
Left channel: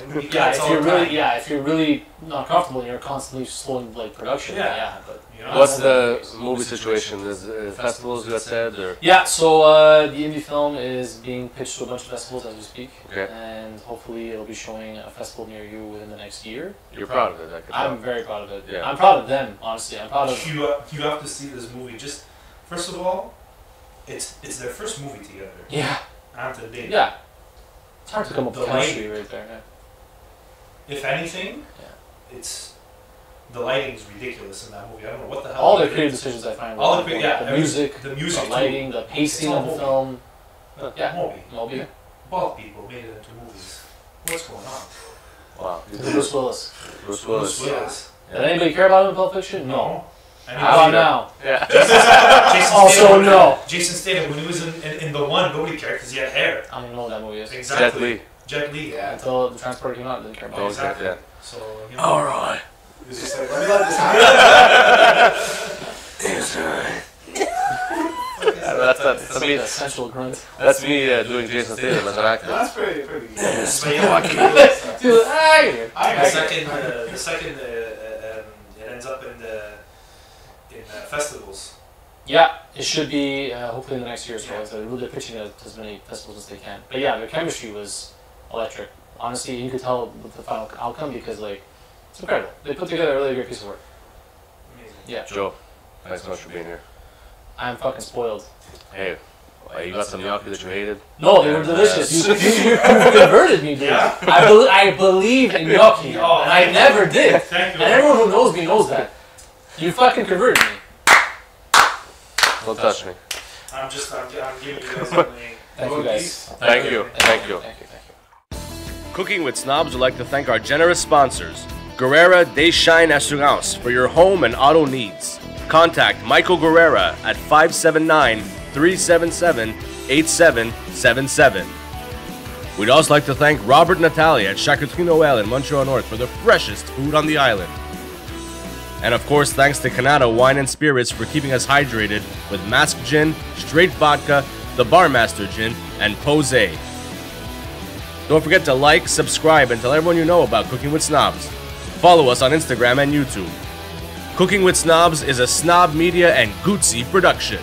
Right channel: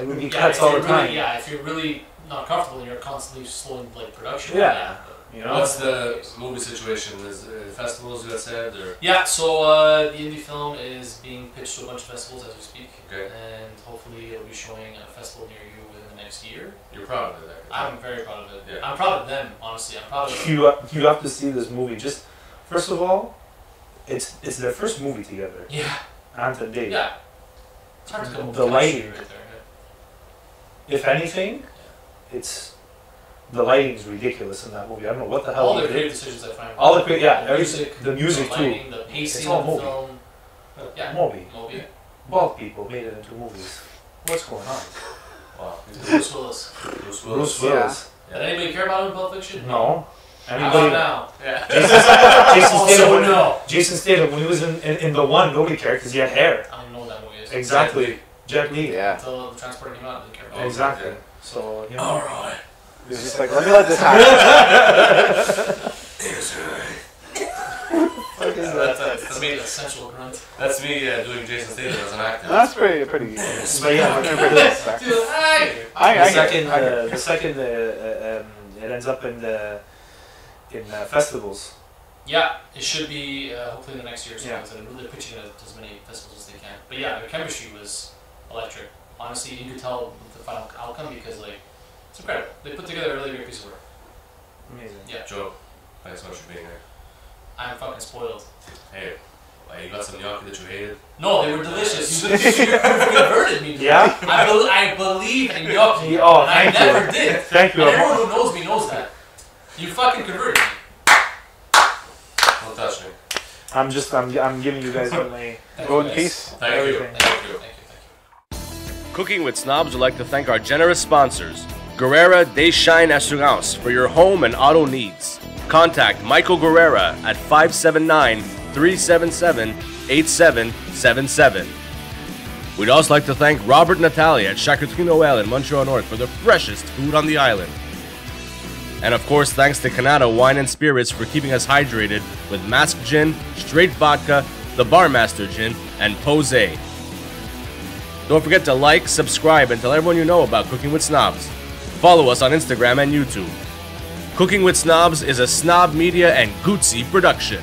I would be Yeah, cuts all the time. if you're really not comfortable and you're constantly slowing like production. Yeah. But, You know? What's the movie situation? Is festivals you got said or? yeah, so the indie film is being pitched to a bunch of festivals as we speak, Okay. and hopefully it'll be showing at a festival near you within the next year. You're proud of it. I can tell. I'm very proud of it. Yeah. I'm proud of them, honestly. I'm proud of them. You have to see this movie. Just first of all, it's their first movie together. Yeah, Ant and Dave. yeah. It's hard to come up The with chemistry lighting. right there. If anything, it's the lighting's ridiculous in that movie. I don't know what the hell. All they the did. creative decisions I find. All the crea- yeah, the every- music, the music the too. lighting, the pacing all of the movie. film. Yeah, Moby. Moby. Bald people made it into movies. What's going on? Wow. Bruce Willis. Bruce Bruce Willis. Willis. Did anybody care about him in Pulp Fiction? No. How now? Yeah. Jason Also Statham. no. Jason Statham. When he was in the one, nobody cared because he had hair. I don't even know what that movie is. Exactly. Jet Li. Yeah. Until the transporter came out, I didn't care about it. Exactly. Yeah. So you know. All right. It's just like let this happen. It's alright. That's That's me. a sensual grunt. That's me doing Jason Statham as an actor. That's pretty. But yeah, Dude, hey! the second it ends up in festivals. Yeah, it should be hopefully in the next year or so. Yeah. So they're pitching it to as many festivals as they can. But yeah, their chemistry was electric. Honestly, you could tell with the final outcome because like it's incredible. They put together a really great piece of work. Amazing. Yeah, Joe, thanks so much for being here. I'm fucking spoiled. Hey, you got some gnocchi that you hated? No, they were delicious. You converted me. Dude. Yeah? I believe in gnocchi, Oh, and I thank never you. did. Thank you. And everyone who knows me knows that. You fucking converted me. Don't touch me. I'm giving you guys my Thank Go you in guys. peace. Thank you. Thank you. Cooking with Snobs would like to thank our generous sponsors, Guerrera de Shine Assurance, for your home and auto needs. Contact Michael Guerrera at 579-377-8777. We'd also like to thank Robert and Natalia at Charcuterie Noël in Montreal North for the freshest food on the island. And of course, thanks to Canada Wine and Spirits for keeping us hydrated with Mask Gin, Straight Vodka, the Barmaster Gin, and Posé. Don't forget to like, subscribe, and tell everyone you know about Cooking with Snobs. Follow us on Instagram and YouTube. Cooking with Snobs is a Snob Media and Gucci production.